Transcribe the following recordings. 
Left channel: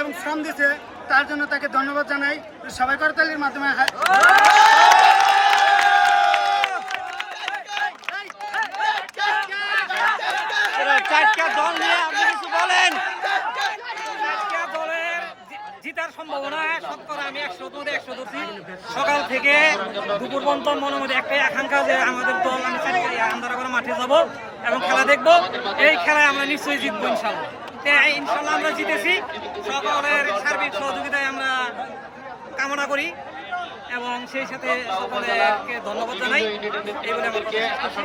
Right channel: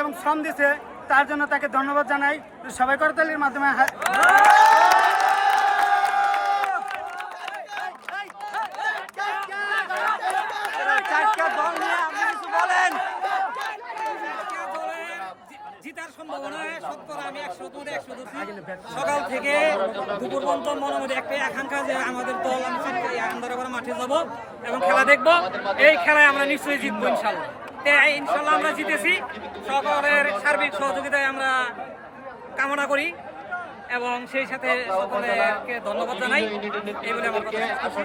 এবং শ্রম দিছে, তার জন্য তাকে ধন্যবাদ জানাই। সবাই করতালির মাধ্যমে চারটা দল নিয়ে আপনি কিছু বলেন। চারটা দলের জিতার সম্ভাবনা শতকরা আমি 100 মধ্যে 100 ধরছি। সকাল থেকে দুপুর পর্যন্ত মনের মধ্যে একটাই আকাঙ্ক্ষা যে আমাদের দল আমি আন্দারাপাড়া মাঠে যাব এবং খেলা দেখব। এই খেলায় আমরা নিশ্চয়ই জিতবো ইনশাল্লাহ। ইনশাল্লাহ আমরা জিতেছি। সকলের সার্বিক সহযোগিতায় আমরা কামনা করি এবং সেই সাথে সকলকে ধন্যবাদ জানাই। এই বলে আমার কথা শেষ করছি।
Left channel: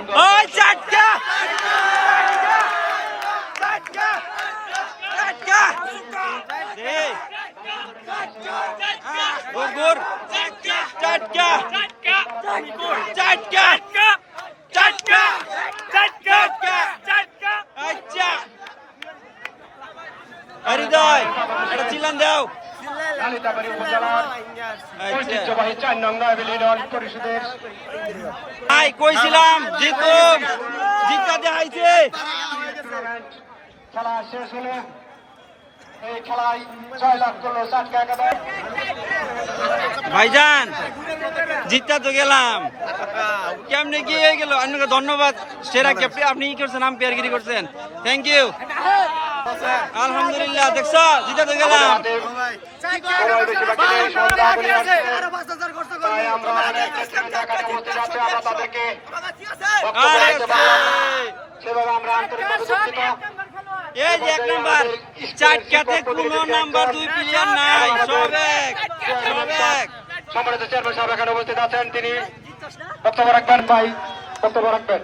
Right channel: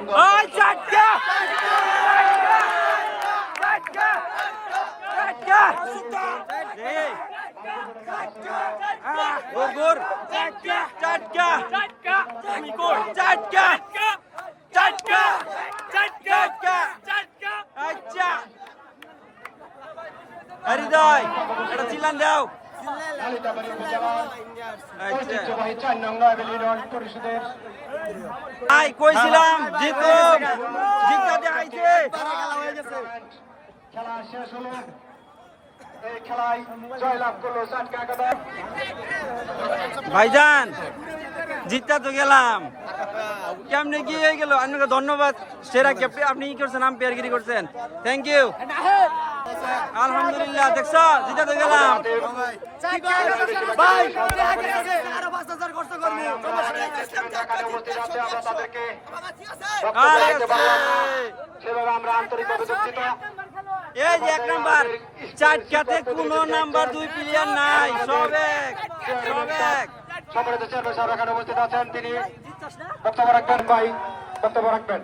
হৃদয় এটা চিল্লান দাও। কালিতাবাড়ি উপজেলার ঐতিহ্যবাহী 4 নং ইউনিয়ন পরিষদের কইছিলাম জিতুম, জিতাতে আইছে। খেলা শেষ হলো। এই খেলায় জয়লাভ করলো চাটকা একাদশ। ভাইজান জিতটা তো গেলাম, কেমনে কি হয়ে গেল? আপনাকে ধন্যবাদ। সেরা ক্যাপ্টেন আপনি কি করছেন, আম্পায়ারগিরি করছেন, থ্যাংক ইউ। আলহামদুলিল্লাহ, দেখছো জিতা তো গেলাম। এই যে 1 নাম্বার চারটাতে কোনো নাম্বার 2 প্লেয়ার নাই, সব এক। সম্মানিত চেয়ারম্যান সাহেব এখানে উপস্থিত আছেন, তিনি বক্তব্য রাখবেন। ভাই বক্তব্য রাখবেন।